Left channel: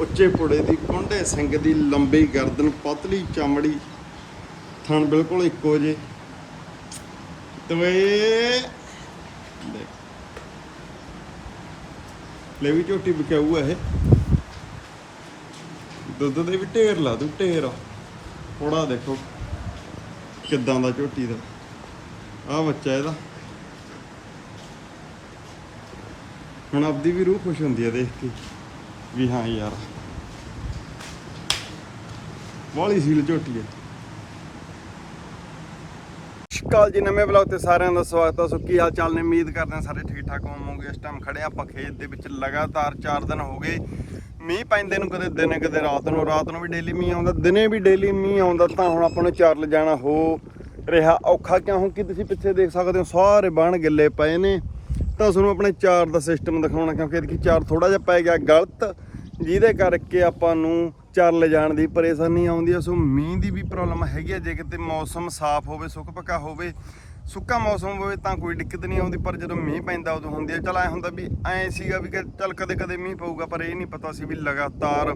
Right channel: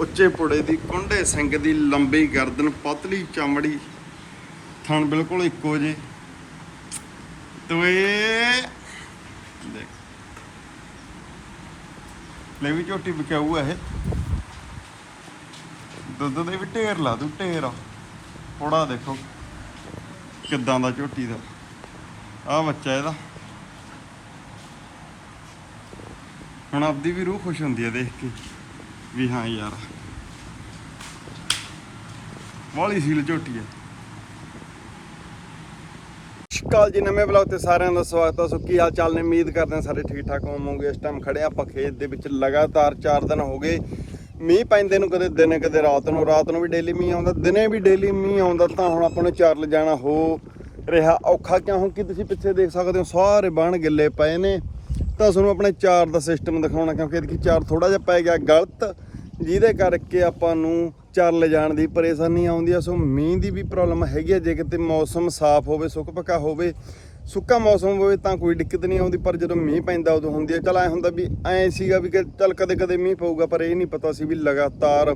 ਉੱਚੇ ਪੁੜੇ ਦੀ, ਕੁੰਡੇ ਸਿੰਘ ਦੀ ਲੰਬੀ ਗਰਦਨ, ਪਤਲੀ ਚਮੜੀ, ਥਣ ਬਿਲਕੁਲ ਇੱਕੋ ਜੇ ਤਵੇ ਲੈ ਵੀ ਝੋਟੀ ਵਿਕਾਊ ਆ ਇਹ। ਦੁੱਧ ਦੇ ਵੀ ਢੇਰ ਲਾ ਦੂ, ਢੇਰ। ਥੋੜਾ ਦੇਖੋ, ਕਿੱਦਾਂ ਦਾ ਝੋਟੀ ਦਾ। ਆ ਬੱਚਾ ਇਹਦਾ। ਹੁਣ ਆਪਦੀ ਵੀ ਰੂਹ ਖੁਸ਼ ਹੁੰਦੀ ਆ ਦੇਖ ਕੇ। ਵੀ ਹਾਂ ਯਾਰ। ਵਾਲੀ ਸੀਲ ਝੋਟੀ ਹੈ। ਸ਼ਕਾਲ ਜੀ, ਨਵੇਂ ਬਲੌਗ ਤੇ ਸਾਰਿਆਂ ਦਾ ਸਵਾਗਤ ਹੈ। ਸੋ ਕੀ ਹਾਲ ਚਾਲ ਨੇ? ਉਮੀਦ ਕਰਦੇ ਹਾਂ ਸਾਰੇ ਠੀਕ ਠਾਕ ਹੋਵੋਗੇ। ਇਸ ਟਾਈਮ ਖੜੇ ਆਪਾਂ ਖੇਤ ਦੇ ਵਿੱਚ। ਲਗਾਤਾਰ 4 ਦਿਨ ਹੋ ਗਏ। ਮੀਂਹ ਪੈਂਦੇ ਨੂੰ ਕਦੇ ਦਿਨੇ, ਕਦੇ ਰਾਤ ਨੂੰ। ਰਾਤ ਨੂੰ ਵੀ ਡੇਲੀ ਮੀਂਹ ਆਉਂਦਾ, ਦਿਨੇ ਵੀ ਡੇਲੀ ਮੀਂਹ ਆਉਂਦਾ। ਤਾਂ ਹੁਣ ਆਪਾਂ ਨੂੰ ਚਾਰ ਲਿਜਾਣਾ ਹੋ ਰਿਹਾ ਔਖਾ। ਕਿਉਂ ਕਿ ਤੁਸੀਂ ਪਿੱਛੇ ਦੇਖ ਸਕਦੇ ਹੋ, ਸਾਰੇ ਬਣ ਗਿੱਲੇ ਪਏ ਨੇ। ਤਾਂ ਤੁਹਾਨੂੰ ਆਪਣੇ ਚਾਰ ਦਾ ਸਿਸਟਮ ਦਿਖਾਉਣਾ, ਕਿਉਂਕਿ ਇਹਦੀ ਚਾਰ ਥੋੜਾ ਜਿਹਾ ਪੈ ਗਿਆ ਗਲਤ, ਜਿਹਦੇ ਕਰਕੇ ਆਪਾਂ ਨੂੰ ਚਾਰ ਲਿਜਾਣ ਦੀ ਪਰੇਸ਼ਾਨੀ ਆਉਂਦੀ ਆ। ਸੋ ਮੀਂਹ ਦੀ ਵੀ ਪ੍ਰੋਬਲਮ ਹੈਗੀ ਆ, ਜੇ ਕਿਤੇ ਮੌਸਮ ਸਾਫ਼ ਹੋਵੇ, ਸੁੱਕ ਪੱਕਾ ਹੋਵੇ, ਸੁੱਕਾ ਮੌਸਮ ਹੋਵੇ ਤਾਂ ਕੋਈ ਦਿੱਕਤ ਨਹੀਂ ਆਉਂਦੀ, ਪਰ ਜਦੋਂ ਮੀਂਹ ਪੈਂਦਾ ਉਦੋਂ ਹੁੰਦੀ ਆ। ਚਲ ਐ ਹੁੰਦਾ ਵੀ ਐ ਸੀਗਾ ਵੀ ਕਿ ਚਲ ਕਦੇ ਕਦੇ ਮੀਂਹ ਪਊਗਾ, ਪਰ ਇਹ ਨਹੀਂ ਪਤਾ ਸੀ ਵੀ ਲਗਾਤਾਰ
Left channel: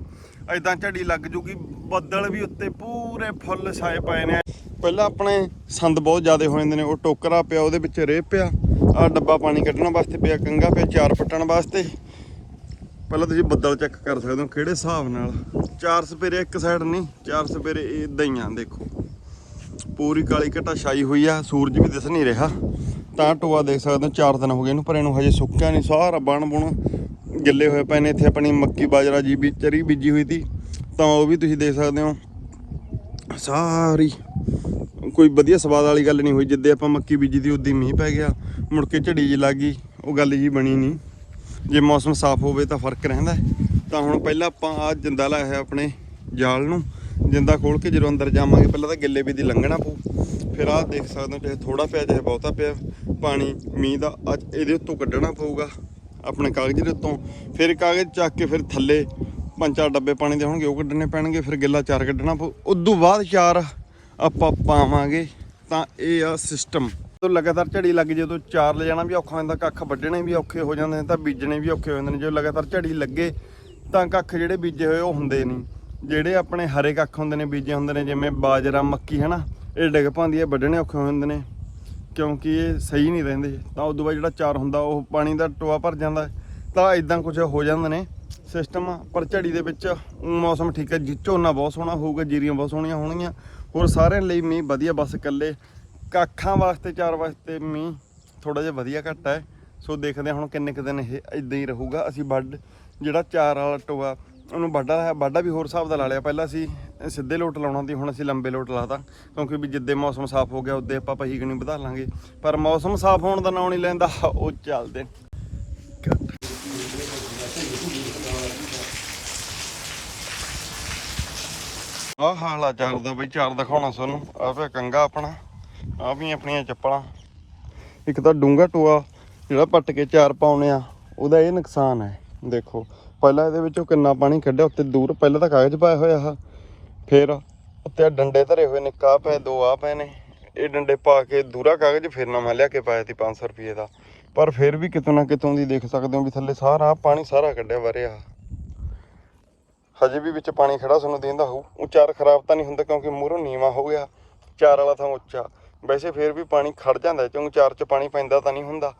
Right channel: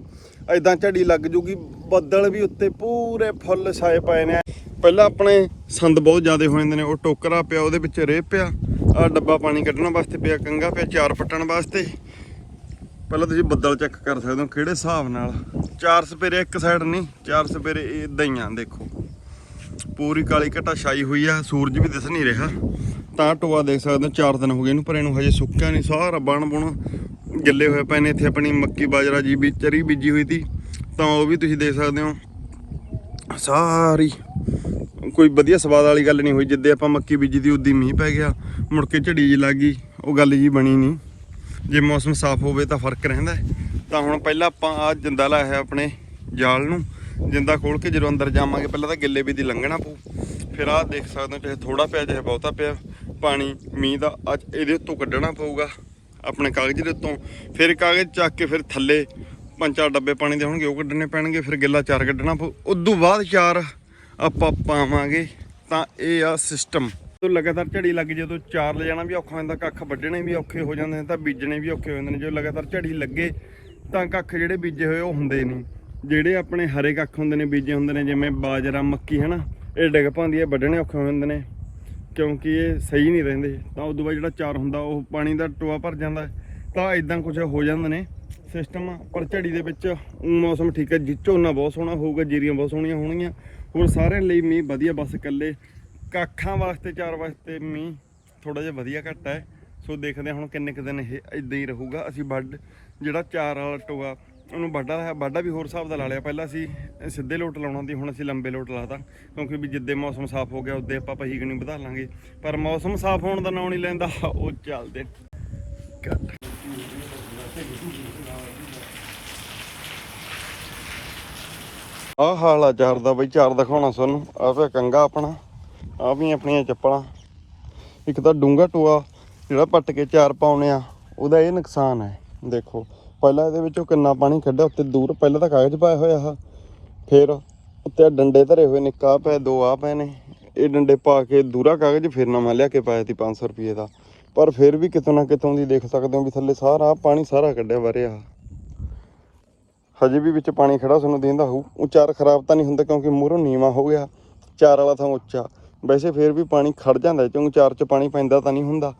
ਐਦਾਂ ਝੜੀ ਲੱਗ ਜੂਗੀ, ਬੱਦਲ ਵੀ ਉੱਤੇ ਪੂਰੇ ਫੁੱਲ ਛਾਏ ਪਏ ਨੇ ਪਹਿਲਾਂ ਆਪਣੇ ਸੰਦ ਬਹੁਤ ਜ਼ਿਆਦਾ ਹੋ ਜਾਂਦੇ ਨੇ, ਉਹ ਟੋਕਰਾ ਪਿਆ, ਉਹਦੇ ਵਿੱਚ ਰੇਹ ਪਿਆ ਆ ਡੱਬਾ ਪਾਣੀ ਕੱਢਣ ਵਾਸਤੇ ਪਿਆ ਕੰਗਾ ਪਿਆ, ਚਾਰ ਪੱਟਣ ਵਾਸਤੇ। ਪਹਿਲਾਂ ਤੁਸੀਂ ਬੱਦਲ ਚੈੱਕ ਕਰ ਸਕਦੇ ਹੋ ਕਿਹੜੇ ਹਿਸਾਬ ਨਾਲ। ਚਾਰ ਸਪੇਰੇ ਇੱਕ ਸਾਈਡ ਨਹੀਂ, ਚਾਰ ਸਪੇਰੇ ਇਦਾਂ ਹੀ ਆ, ਦੇਖੋ। ਪੂਰੀ ਕਾਲੀ ਘਟਾ ਛਾਈ ਹੋਈ ਆ, ਸੂਰਜ ਵੀ ਦਿਸ ਨਹੀਂ ਰਿਹਾ। ਤਾਂ ਟੋਆ ਦੇਖ ਸਕਦੇ ਹੋ, ਚਾਰ ਦਿਨ ਹੋ ਗਏ ਇਹਨੂੰ, ਪਰ ਇਹਨੂੰ ਹਜੇ ਸੁੱਕਿਆ ਨਹੀਂ, ਸਾਰਾ ਬਣ ਬੁਣ ਗਿੱਲੇ ਹੋਏ ਪਏ ਨੇ, ਇੱਥੇ ਆਪਣੀ ਮੱਕੀ ਬਾਜਰਾ ਜੀ ਵੀ, ਚਰੀ ਬੀਜੀ ਹੋਈ ਸੀ ਤਾਂ ਉਹ ਵੀ ਤੁਸੀਂ ਦੇਖ ਸਕਦੇ ਹੋ, ਸਾਰੀ ਕੋਈ ਵਧੀਆ ਸਵਾਦ ਵਾਲੀ ਗੱਲ ਨਹੀਂ ਹੋਈ, ਜਿੱਦੇ ਆਪਾਂ ਮੱਕੀ ਬੀਜੀ ਦੀ ਉਦੀ ਮੀਂਹ ਪੈ ਗਿਆ, ਮੁੜ ਕੇ ਝੜੀ ਜੀ ਲੱਗ ਗਈ, ਉਹ ਗੱਲ ਜੀ ਬਣੀ ਨਹੀਂ। ਜੇ ਮੌਸਮ ਸਾਫ਼ ਹੋਵੇ ਤਾਂ ਫ਼ਰਕ ਰਹਿੰਦਾ ਤਾਂ ਹੁਣ ਪਹਿਲਾਂ ਆਪਾਂ ਆ ਜਿੰਦਾ ਲਾਇਆ ਹੈ ਆਪਣੇ ਜਾਲ ਨੂੰ, ਜਿੰਦਾ ਖੋਲ ਕੇ ਜਦੋਂ ਅੰਦਰ ਜਾਵਾਂਗੇ, ਪਹਿਲਾਂ ਤਾਂ ਗਿੱਲੇ ਵੀ ਦੀ ਲੰਘਣਾ ਪਊ। ਫਿਰ ਆਹ ਦੇਖ ਸਕਦੇ ਹੋ, ਚਾਹੇ ਥੋੜਾ ਪਿਆ, ਚਾਹੇ ਬਹੁਤਾ ਪਿਆ, ਪਾਣੀ, ਮੀਂਹ ਦਾ ਅੱਜ ਇਹਦੇ ਉੱਤੋਂ ਕੱਢਣਾ ਪਊਗਾ, ਆਪਣੇ ਕਾਗਜ਼ ਦੇ ਉੱਤੋਂ। ਫਿਰ ਕਾਗਜ਼ ਚੱਕ ਕੇ ਫਿਰ ਥੱਲੇ ਪੰਜ ਚਾਰ ਡੱਬੇ ਪਾਣੀ ਦੇ ਹੋਣਗੇ, ਉਹ ਕੱਢਣੇ ਪੈਣਗੇ, ਫਿਰ ਗਿੱਲਾ ਚਾਰ ਕੱਢਣਾ ਪਊ। ਉਦੋਂ ਬਾਅਦ ਚਾਰ ਆਪਾਂ ਪਾਵਾਂਗੇ ਤਾਂ ਇਹ ਆ ਸਿਸਟਮ ਤੋਂ ਲਗਾਤਾਰ ਝੜੀ ਲੱਗ ਜਦੋਂ ਚਾਰ ਲੈ ਜਾਣਾ ਵੀ ਔਖਾ ਹੋ ਜਾਂਦਾ ਕੱਖ ਵੱਢਣੇ ਵੀ ਔਖੇ ਹੋ ਜਾਂਦੇ ਨੇ ਤਾਂ ਬੀਜਣੇ ਵੀ ਔਖੇ ਹੋ ਜਾਂਦੇ ਨੇ। ਜਦੋਂ ਲਗਾਤਾਰ ਝੜੀ ਲੱਗੇ ਤਾਂ ਕੱਖ ਜਿਹੜੇ ਬੀਜੇ ਹੋਏ ਉਹ ਹੁੰਦੇ ਨਹੀਂ। ਜਿਹੜੇ ਆਪਣੇ ਹਰੇ ਕੱਖ ਹੁੰਦੇ ਨੇ, ਬੀਜੇ ਹੁੰਦੇ ਨੇ, ਜਿਵੇਂ ਬਾਜਰਾ, ਮੱਕੀ, ਹਨਾ, ਇਹ ਡਿੱਗ ਪਾਉਂਦੀ ਹੈ, ਵੱਢਣੇ ਔਖੇ ਹੋ ਜਾਂਦੇ ਨੇ। ਕਿਉਂਕਿ ਇਹ ਸਹੀ ਨਹੀਂ ਰਹਿੰਦੇ, ਤਾਂ ਉਦੋਂ ਬਾਅਦ ਜਿਹੜਾ ਚਾਰ ਹੁੰਦਾ, ਉਹ ਪਾਣੀ ਦਾ ਟੋਆ ਭਰ ਜਾਂਦਾ ਤਾਂ ਇਦਾਂ ਕੁਝ ਹੋ ਜਾਂਦੇ ਨੇ ਸਿਸਟਮ ਪਰ ਝੜੀ ਦੇ ਵਿੱਚ ਮੌਸਮ ਠੀਕ ਹੈ, ਜੀ, ਝੋਨਾ ਬਹੁਤ ਸੋਹਣਾ ਹੋਊਗਾ, ਜੀਰੀਆਂ ਬਹੁਤ ਸੋਹਣੀਆਂ ਹੋਣਗੀਆਂ। ਹੋਰ ਸਾਰਿਆਂ ਲਈ ਮੀਂਹ ਵਧੀਆ, ਬਸ ਇਕੱਲੇ ਕਾਖਾਂ ਵਾਸਤੇ, ਚਾਰ ਵਾਸਤੇ ਮੀਂਹ ਥੋੜਾ ਜਿਹਾ ਵਧੀਆ ਘੱਟ ਹੈ। ਸੋ ਦੇਖਦੇ ਹਾਂ ਹੁਣ ਕਿੰਨੇ ਕੁ ਦਿਨ ਇਹ ਇਦਾਂ ਹੀ ਰਹੂਗਾ। ਅਸੀਂ ਵੱਢ, ਜਿਹੜਾ ਚਾਰ ਵਾਲਾ ਟੋਆ ਉਹਨੂੰ ਵੱਡਾ ਹੈ ਵੱਡਾ ਵੀ ਹੋਰ ਹਿਸਾਬ ਦਾ ਲਾ ਲਿਆ। ਪਹਿਲਾਂ ਅਸੀਂ ਸਿੱਧੇ ਲੋਟ ਲਾਉਣਾ ਸੀ, ਹੁਣ ਅਸੀਂ ਲੰਬੇ ਲੋਟ ਲਾਤਾ। ਕਿਉਂਕਿ ਵੀ ਜਿੱਦੇ ਮੌਸਮ ਸਾਫ਼ ਹੋ ਗਿਆ, ਉਦੋਂ ਆਪਾਂ ਪਹੀ ਗਣੀ ਵਧਾ ਲਾਂਗੇ। ਪਰ ਮੌਸਮ ਸਾਫ਼ ਹੋਣ ਦਾ ਨਾਂ ਨਹੀਂ ਲੈਂਦਾ। ਉਹ ਚੱਲਦੇ। ਘੱਟ ਆਹ ਹਾਲ ਆ ਚਾਰ ਦਾ ਬਈ, ਚਾਰ ਦਿਖਾਉਣਾ ਤੁਹਾਨੂੰ ਆਹ ਪਿਆ ਕੰਗਾ ਆਪਣਾ। ਆਹ ਵੀ ਆਪਣੀਆਂ ਚੱਪਲਾਂ। ਇੱਕ ਤਾਂ ਡੂੰਗਾ ਟੋਆ ਜਿਹੜਾ ਪੱਟ ਕੇ ਚਾਰ ਪਾਉਣੇ ਆ, ਉਹਦਾ ਇਹ ਨੁਕਸਾਨ ਹੈ। ਦੇਖੋ, ਪਹਿਲਾਂ ਇਹਦੇ ਵਿੱਚੋਂ ਕਿੰਨਾ ਪਾਣੀ ਕੱਢਿਆ, ਉੱਤੇ ਦੂਰ ਪਹਿਲਾਂ ਤਾਂ ਕਾਗਜ਼ ਪਾਇਆ ਹੋਇਆ ਆ ਫਿਰ ਉੱਤੇ ਡੰਡੇ ਧਰੇ ਹੋਏ ਨੇ ਕਾ ਪਏ, ਦੋ ਆ ਪਏ ਨੇ। ਇਹ ਡੰਡੇ ਪਾ ਕੇ ਦੂਰਾ ਕਾਗਜ਼ ਫਿਰ ਨਾ ਮੈਂ ਲਿਆ ਕੇ ਪਾਇਆ ਸੀ 500 ਰੁਪਏ ਦਾ। ਪਰ ਫਿਰ ਵੀ ਕਿਤੋਂ ਨਾ ਕਿਤੋਂ ਦੀ ਦੇਖ ਸਕਦੇ ਹੋ ਵੀ ਥੱਲੇ ਸਾਰਾ ਪਾਣੀ ਸਾਰਾ ਕੱਢਿਆ ਵਰਿਆ ਹਜੇ ਵੀ ਵਿੱਚ ਪਾਣੀ ਖੜਾ ਤੁਹਾਨੂੰ ਦਿੰਦਾ ਹੋਊ। ਉਹ ਚਾਰ ਖਰਾਬ ਤਾਂ ਨਹੀਂ ਹੁੰਦਾ ਕਿਉਂਕਿ ਮੂਹਰੋਂ ਨੀਵਾ ਹੋ ਗਿਆ। ਚਾਰ ਵਾਲਾ ਥਾਂ ਉੱਚਾ। ਵੈਸੇ ਫੇਰ ਵੀ ਪਾਣੀ ਖੜ ਜਾਂਦਾ ਕਿਉਂਕਿ ਚਾਰ 'ਚ ਪਾਣੀ ਪੈਂਦਾ ਤਾਂ ਨਹੀਂ ਹੁੰਦਾ।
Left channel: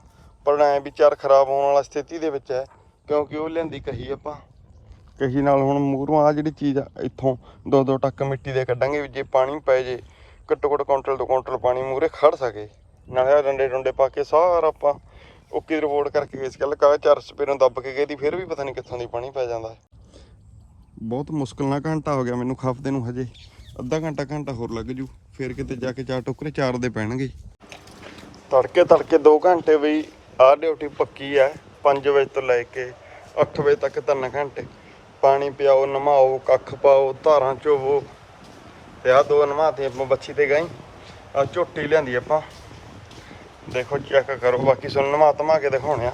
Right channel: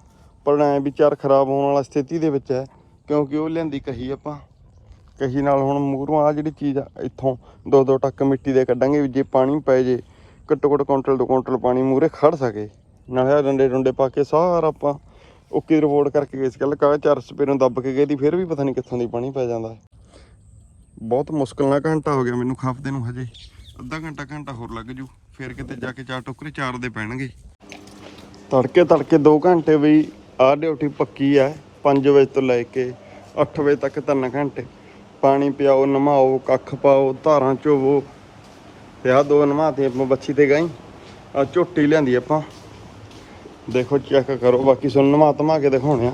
ਪਰ ਐ ਵੀ ਚਾਰ ਖਰਾਬ ਹੋਣ ਵਾਲਾ ਸਥਿਤੀ ਦੇ ਵਿੱਚ ਹੈ। ਕਿਉਂਕਿ ਉਹ ਲਿਆਂਦੀ ਕਹੀ ਆਪਾਂ। ਕਹੀ ਨਾਲ ਹੁਣ ਮੂਹਰੋਂ ਆ ਜਿਹੜੀ ਚੀਜ਼ ਆ, ਇੱਥੋਂ ਦੋ ਦੋ ਟੱਕ ਮਿੱਟੀ ਦੇ ਕੱਢਾਂਗੇ ਵੀ ਜੇ ਪਾਣੀ ਪੈ ਜੇ, ਘੱਟੋ ਘੱਟ ਕੁਇੰਟਲ ਦੋ ਕੁਇੰਟਲ ਪਾਣੀ ਮੂਹਰੇ ਖੜ ਸਕੇ। ਨਾਲੇ ਆਹ ਡੰਡੇ ਡੁੰਡੇ ਪਾ ਕੇ ਸਾਰਾ ਆਪਾਂ ਓਕੇ ਰਿਪੋਰਟ ਕਰਕੇ ਗਏ ਸੀ ਕੱਲ ਕਾ ਚਾਰ ਸਪੇਰੋਂ ਦੱਬ ਕੇ ਗਏ ਦੀ, ਫਿਰ ਵੀ ਪਤਾ ਨਹੀਂ ਕਿੱਥੋਂ ਦੀ ਪਾਣੀ ਪੈ ਜਾਂਦਾ। ਬਹੁਤ ਮੁਸ਼ਕਲ ਨਾਲ ਘੰਟਾ ਹੋ ਗਿਆ ਮੈਨੂੰ ਖਫਤੇ ਨੂੰ ਹਜੇ। ਅੱਧਾ ਘੰਟਾ ਘੰਟਾ ਹੋਰ ਲੱਗ ਜੂ, ਫਿਰ ਕਿਤੇ ਜਾ ਕੇ ਚਾਰ ਟੋਕਰੇ ਚਾਰ ਦੇ ਪੈਣਗੇ। ਤੜਕੇ ਤੜਕੇ 2 ਘੰਟੇ ਵੀ ਆਹ ਡਿਊਟੀ ਪੱਕੀ ਹੈ 5 ਵਜੇ ਤੋਂ ਲੈ ਕੇ 8 ਵਜੇ ਤੱਕ 3 ਘੰਟੇ। ਪਾਣੀ ਪਿਆਓ, ਨਮਾਓ, ਕੱਖ ਪਾਓ, ਧਾਰਾਂ ਚੋਵੋ। ਤੇ ਆਹ ਦੋ ਨਮਾਤੇ ਆਪਾਂ ਬੱਚੀ ਤੇ ਗਈ। ਆ ਝੋਟੀ ਲਿਆਂਦੀ ਆਪਾਂ। ਦੇਖੋ ਚੈੱਕ ਕਰੋ, ਬਾਕੀ ਸੁਣ ਨਮਾ ਧਮਾ ਕੇ ਦਿਖਾਉਣੇ ਆ।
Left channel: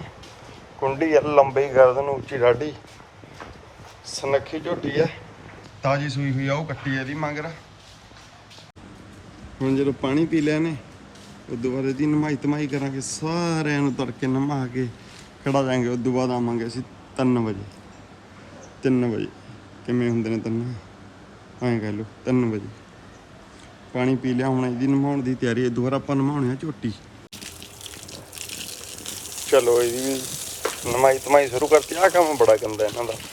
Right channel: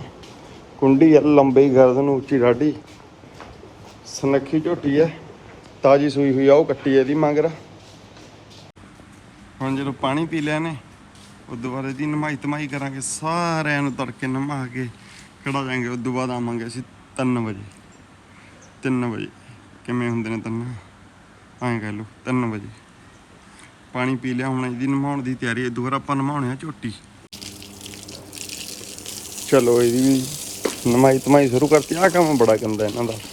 ਕੁੰਡੀ ਲੰਬੀ ਗਰਦਨ ਉੱਚੀ ਢਾਡੀ ਸਨੱਖੀ ਝੋਟੀ ਹੈ ਤਾਜੀ ਸੂਈ ਹੋਈ ਆ, ਉਹ ਕੱਟੀ ਇਹਦੀ ਮਗਰ। ਹੁਣ ਜਦੋਂ ਪਾਣੀ ਪੀ ਲਿਆ ਨੇ ਉਦੋਂ ਬਾਅਦ ਇਹਦੀ ਨਮਾਈ ਤਮਾਈ ਕਰਾਂਗੇ, ਸਾਰਿਆਂ ਨੂੰ ਤੜਕੇ ਨਮਾ ਕੇ ਖੜਾ ਜਾਾਂਗੇ ਉਦੋਂ ਬਾਅਦ ਆਵਾਂਗੇ ਅਸੀਂ 3 ਵਜੇ। 3 ਵਜੇ। ਕਿਵੇਂ ਹੁੰਦੇ ਨੇ ਤਿੰਨ? ਐਂ ਕਹਿ ਲਓ 3 ਵਜੇ। ਪਾਣੀ ਪੀ ਲਿਆ, ਹੁਣ ਇਹਦੀ ਨਮਾਉਣ ਦੀ ਤਿਆਰੀ ਹੈ ਦੁਬਾਰਾ ਆਪਾਂ ਨਮਾਉਣੇ ਆ ਝੋਟੀ। ਚਲੋ ਇਹਦੀ ਨਮਾਈ ਤਮਾਈ ਸ਼ੁਰੂ ਕਰਤੀ ਆ ਕੰਮ ਬੜਾ ਗੰਦਾ ਇਹਨਾਂ ਦਾ।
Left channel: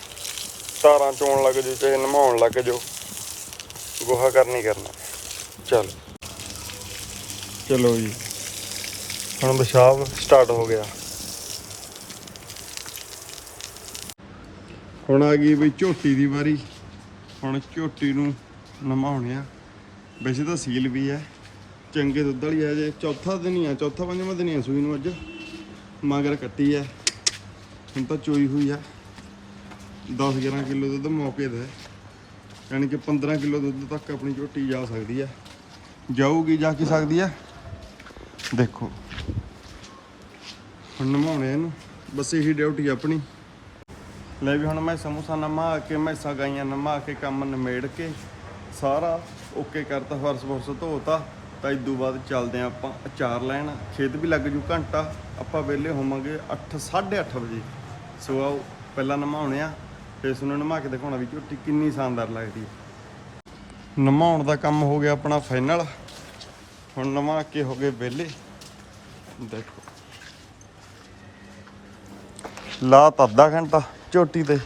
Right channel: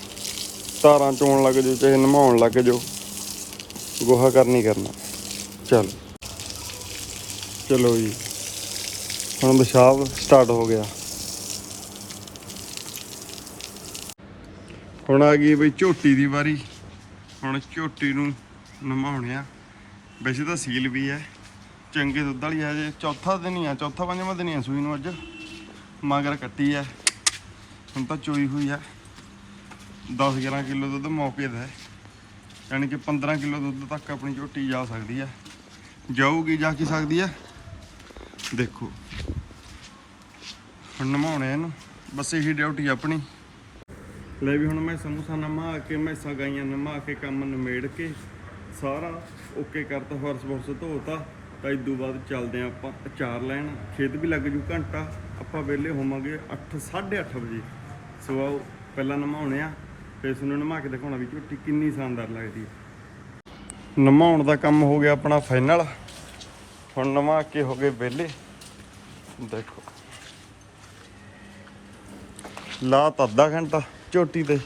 ਤਾਰਾਂ ਚੋਣ ਲੱਗ ਜਾਓ ਚਾਹੇ ਨਮਾਉਣ ਲੱਗ ਜਾਓ। ਗੋਹਾ ਕਰਨੀ ਕਰਨਾ। ਚਲ। ਚਲੋ ਜੀ। ਹੁਣ ਪਿਸ਼ਾਬ ਸਟਾਰਟ ਹੋ ਗਿਆ। ਹੁਣ ਆ ਗਈ ਬਈ ਝੋਟੀ ਦੀ ਵਾਰੀ। ਹੁਣ ਝੋਟੀ ਨੂੰ ਨਮਾਉਣੇ ਆ। ਵੈਸੇ ਤਾਂ ਸੀਲ ਵੀ ਹੈ। ਚੰਗੇ ਦੁੱਧ ਵਾਲੀ ਹੈ ਜੇ। ਚੌਥਾ ਦਿਨ ਹੀ ਆ। ਚੌਥਾ ਪੰਜਵਾਂ ਦਿਨ ਹੀ ਆ ਸੂਈ ਨੂੰ ਅੱਜ। ਮਗਰ ਕੱਟੀ ਹੈ। ਹੁਣ ਤਾਂ ਚੋਈ ਹੋਈ ਹੈ। 10 11 ਕਿਲੋ ਦੁੱਧ ਮੌਕੇ ਦਾ ਹੈ। ਯਾਨੀ ਕਿ 15 ਕਿਲੋ ਦੁੱਧ ਤੱਕ ਆਪਣੀ ਝੋਟੀ ਜਾ ਸਕਦੀ ਹੈ। ਜਾਊਗੀ, ਜਾ ਕੀ ਸਕਦੀ ਹੈ। ਦੇਖੋ। ਹੁਣ ਨਮਾਉਣੇ ਇਹਨੂੰ। ਬਸ ਇਹੀ ਡਿਊਟੀ ਆਪਣੀ। ਲੈ ਵੀ ਹੁਣ ਮੈਂ ਸਮੋਸਾ ਨਮਾ ਕੇ ਮੈਸਾਂ ਗਾਈਆਂ ਨਮਾ ਕੇ, ਕੰਮ ਨਿਮੇੜ ਕੇ, ਸਾਰਾ ਓਕੇ ਕਰਤਾ, ਫਰਸ ਫਰਸ ਧੋਤਾ। ਤਾਂ ਇਦੋਂ ਬਾਅਦ ਚੱਲਦੇ ਆਂ ਆਪਾਂ ਅਚਾਰ ਲੈਣ। ਖੇਤ ਵੀ ਲੱਗ ਜੂ ਘੰਟਾ। ਆਪਾਂ ਵਿਹਲੇ ਹੋਵਾਂਗੇ 8 8:30 ਵਜੇ। ਸੋ ਆਓ, ਪਹਿਲਾਂ ਨਮਾਉਣੇ ਆ। ਫਿਰ ਤੁਹਾਨੂੰ ਨਮਾ ਕੇ ਦਿਖਾਉਣਾ ਵੀ ਝੋਟੀ ਕਿੰਨੀ ਸ਼ਾਨਦਾਰ ਲੱਗਦੀ ਹੈ। ਨਮਾਉਣ ਦਾ ਕੰਮ ਹੋ ਗਿਆ ਆਪਣਾ ਫਾਈਨਲ ਹੁਣ ਨਮਾ ਕੇ ਹੋ ਗਏ ਵਿਹਲੇ। ਦੇਖੋ। ਲਾ ਤਾਂ ਅੱਧਾ ਘੰਟਾ ਝੋਟੀ ਤੇ।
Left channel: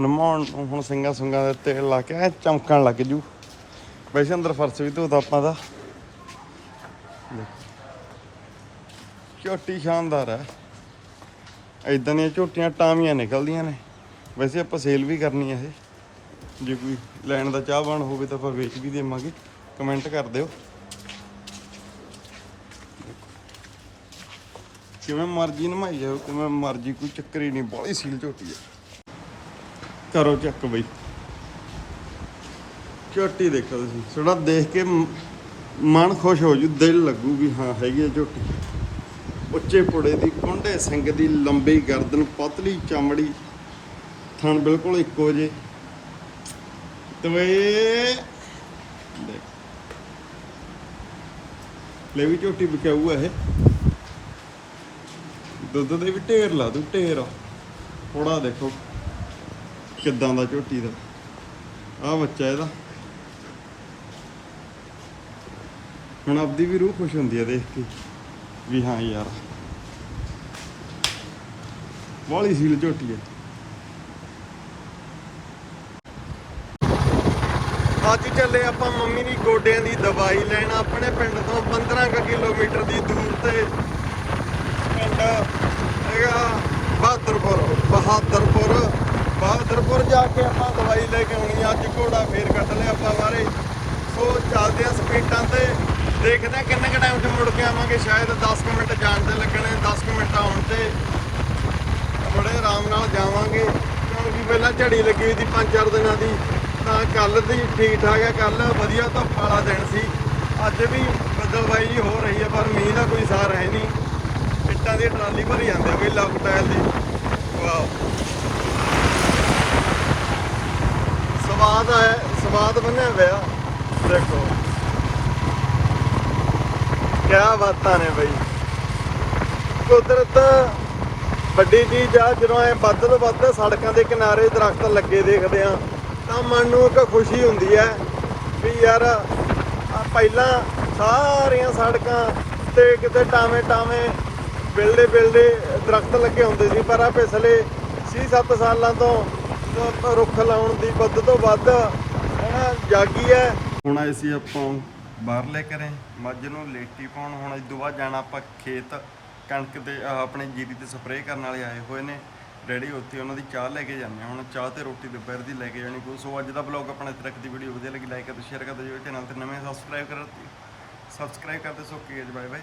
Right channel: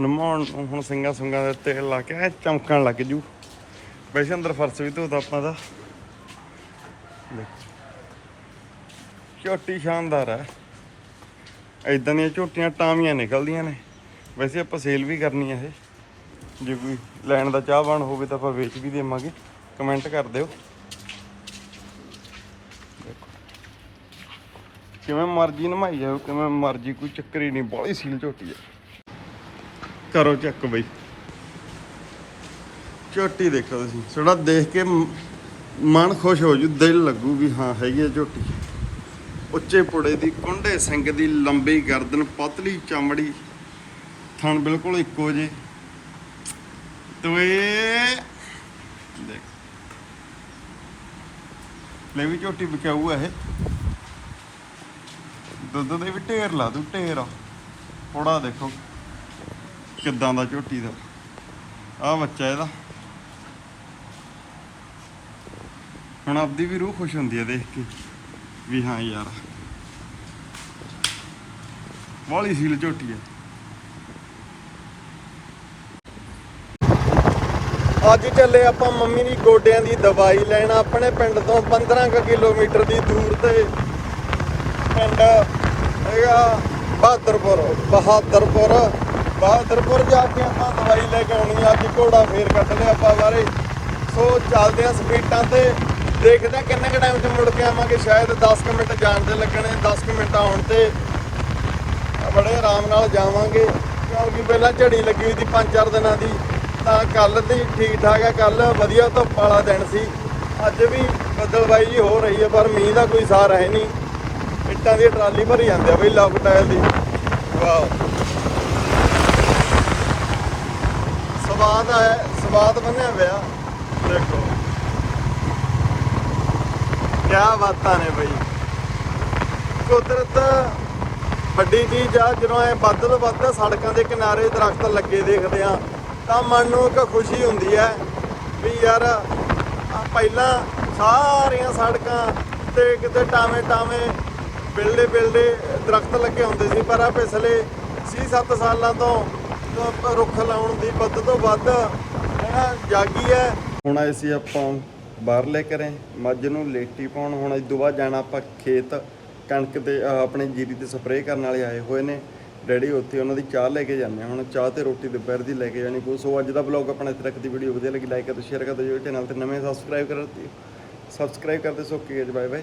ਨਮਾਉਣ ਨੂੰ ਹੁਣ ਸਿੰਘਾਂ ਸੁੰਗਾਂ ਦੇ ਤੇਲ ਲਾ ਕੇ ਐ ਚਮਕਣ ਲੱਗ ਜੂ। ਵੈਸੇ ਅੰਦਰ ਫਰਸ਼ ਵੀ ਧੋਤਾ ਆਪਾਂ ਦਾ। ਦੇਖੋ। ਝੋਟੀ ਸ਼ਾਨਦਾਰ ਹੈ। ਇਦਾਂ ਦੀਆਂ ਝੋਟੀਆਂ ਟਾਵੀਆਂ ਨਿਕਲਦੀਆਂ ਨੇ। ਵੈਸੇ ਆਪਾਂ ਸੇਲ ਵੀ ਕਰਨੀ ਆ ਇਹ। ਜੇ ਕੋਈ ਲੈਣ ਦਾ ਚਾਹਵਾਨ ਹੋਵੇ ਤਾਂ ਆਪਾਂ ਵੇਚ ਵੀ ਦੇਵਾਂਗੇ। ਕਮੈਂਟ ਕਰ ਦਿਓ। ਕਿਵੇਂ ਮਰਜ਼ੀ ਨਮਾਈ ਜਾਓ, ਕਿਵੇਂ ਮਰਜ਼ੀ ਕੋਈ ਚੱਕਰ ਹੀ ਨਹੀਂ, ਬਾਹਲੀ ਸੀਲ ਝੋਟੀ ਹੈ ਕਰੋ ਚੱਕ ਬਈ। ਝੋਟੀ ਦੇਖੋ ਤੁਸੀਂ। ਥੋੜਾ ਦੇਖ ਕੇ ਮਨ ਖੁਸ਼ ਹੋ ਜੂ, ਦਿਲ ਲੱਗੂ ਵੀ ਹਾਂ, ਹੈਗੀ ਆ ਝੋਟੀ। ਉੱਚੇ ਪੁੜੇ ਦੀ, ਕੁੰਡੇ ਸਿੰਘ ਦੀ, ਲੰਬੀ ਗਰਦਨ, ਪਤਲੀ ਚਮੜੀ ਥਣ ਬਿਲਕੁਲ ਇੱਕੋ ਜੇ ਤਵੇ। ਲੈ ਵੀ ਝੋਟੀ ਵਿਕਾਊ ਆ ਇਹ। ਦੁੱਧ ਦੇ ਵੀ ਢੇਰ ਲਾ ਦੂ, ਢੇਰ। ਥੋੜਾ ਦੇਖੋ ਕਿੱਦਾਂ ਦਾ ਝੋਟੀ ਦਾ। ਆ ਬੱਚਾ ਇਹਦਾ। ਹੁਣ ਆਪਦੀ ਵੀ ਰੂਹ ਖੁਸ਼ ਹੁੰਦੀ ਆ ਦੇਖ ਕੇ ਵੀ ਹਾਂ ਯਾਰ। ਵਾਲੀ ਸੀਲ ਝੋਟੀ ਹੈ ਅੱਜ ਚੱਲੇ ਆਪਾਂ ਮੰਮੀ ਦੀ ਗੋਡਿਆਂ ਦੀ ਦਵਾਈ ਲੈਣ, ਆਪਣੇ ਪਿੰਡ ਤੋਂ 15 ਕੁ ਕਿਲੋਮੀਟਰ ਦੀ ਦੂਰ ਤੇ ਪਿੰਡ ਹੈਗਾ ਬਹਾਦਰਪੁਰ ਬਹਾਦਰਪੁਰ ਬਹਾਦਰਪੁਰ ਜਾ ਕੇ ਆਪਾਂ ਦਵਾਈ ਲੈ ਕੇ ਆਉਣੀ ਆ, ਅੱਜ ਘੋੜਾ ਫੇਰ ਕੱਢ ਲਿਆ ਆਪਾਂ ਬਾਰੇ। ਸੋ ਚੱਲਦੇ ਆ ਸਪੀਡਾਂ ਤੇ, ਦੇਖਦੇ ਆ ਕਿੰਨੇ ਕੁ ਟਾਈਮ 'ਚ ਮੁੜ ਕੇ ਆਵਾਂਗੇ, ਸ਼ਾਇਦ 10 ਕੁ ਮਿੰਟ ਜਾਣ ਦੇ ਲੱਗਣੇ 10 ਕੁ ਮਿੰਟ ਆਉਣ ਤੇ ਬੜੇ ਆਰਾਮ ਨਾਲ ਜਾਵਾਂਗੇ। ਕਿਉਂਕਿ ਪਹਿਲਾਂ ਝੜੀ ਲੱਗੀ ਹੋਈ ਸੀ 5-4 ਦਿਨਾਂ ਦੀ। ਤਾਂ ਕੱਲ ਦੀ ਠੀਕ ਠਾਕ ਹੈ ਕੱਲ ਵਧੀਆ ਧੁੱਪ ਵਾਲਾ ਦਿਨ ਸੀ। ਅੱਜ ਵੀ ਬੱਦਲਬਾਈ ਜੀ ਹੋ ਰਹੀ ਹੈ ਪਰ ਮੀਂਹ ਦਾ ਕੋਈ ਸਾਰ ਹੈ ਨਹੀਂ। ਇੱਟਾਂ ਦੀ ਟਰਾਲੀ ਭਰੀ ਜਾਂਦੇ ਆ ਬਈ ਲੌਕ ਟਾਇਰ ਦੀ। ਵਾਓ। ਸਵਾਦ ਹੈ ਸਵਾਦ ਬਣਿਆ ਪਿਆ। ਦੇਖੋ। ਕਿਆ ਬਾਤਾਂ ਨੇ ਬਈ। ਕੁਦਰਤ ਵੱਡੀ ਚੀਜ਼ ਆ, ਜਦੋਂ ਐ ਵੱਧ ਤੋਂ ਵੱਧ ਸੜਕਾਂ ਦੇ ਕਿਨਾਰੇ ਦਰਖਤ ਲੱਗੇ ਦੇਖਦੇ ਆ। ਤਾਂ ਮਨ ਨੂੰ ਇੱਕ ਖੁਸ਼ੀ ਹੁੰਦੀ ਹੈ ਵੀ ਯਾਰ ਪਹਿਲਾਂ ਸਾਰੀਆਂ ਸੜਕਾਂ ਤੇ ਕਿਤੇ ਟਾਵੇਂ ਟਾਵੇਂ ਬਿਲਡੇ ਬਿਲਡੇ ਦਰਖਤ ਲੱਗੇ ਹੁੰਦੇ ਸੀ, ਪਰ ਆ ਪਿਛਲੇ 6-7 ਸਾਲਾਂ ਤੋਂ ਰੁੱਖ ਲਾਉਣ ਦੀ ਵੱਧ ਤੋਂ ਵੱਧ ਹੁਣ ਜਾਗੀ ਹੈ। ਹੁਣ ਅਸੀਂ ਆਪਾਂ ਬਾਹਰਲੇ ਕਰੇ ਮੱਝ ਨੂੰ ਲੇਟੀ ਪਾਉਣ, ਹੁਣ ਇਸ ਤੋਂ ਬਾਅਦ ਜਾਣਾ ਆਪਾਂ ਖੇਤ ਕਣਕ ਤੇ, ਆਹ ਆਪਣੇ ਜੀਰੀ ਤੇ ਸਪਰੇਅ ਕਰਨ ਵਾਲੇ ਆਏ ਹੋਏ ਨੇ। ਡੈਡੀ ਉੱਥੇ ਉਹਨਾਂ ਦੀ ਚਾਹ ਲੈ ਕੇ ਜਾਂਦੇ ਆ। ਹੁਣ ਚਾਹ ਤੇ ਰੋਟੀ ਦੁਪਹਿਰ ਦੀ ਲੈ ਕੇ ਜਾਣੀ ਕੋ ਸੋ ਅੱਜ ਦਾ ਵਲੌਗ ਆਪਣਾ ਇੱਥੇ ਤੱਕ ਦੀ ਵੀਡੀਓ ਵਧੀਆ ਲੱਗੀ। ਲਾਈਕ ਕਰੋ ਸ਼ੇਅਰ ਕਰ ਦਿਓ ਜੋ ਚੈਨਲ ਤੇ ਨਵੇਂ ਸਬਸਕ੍ਰਾਈਬ ਕਰ ਦਿਓ ਸਬਸਕ੍ਰਾਈਬ ਕਰਦੇ ਸੋ ਕੀ ਬਾਏ ਬਾਏ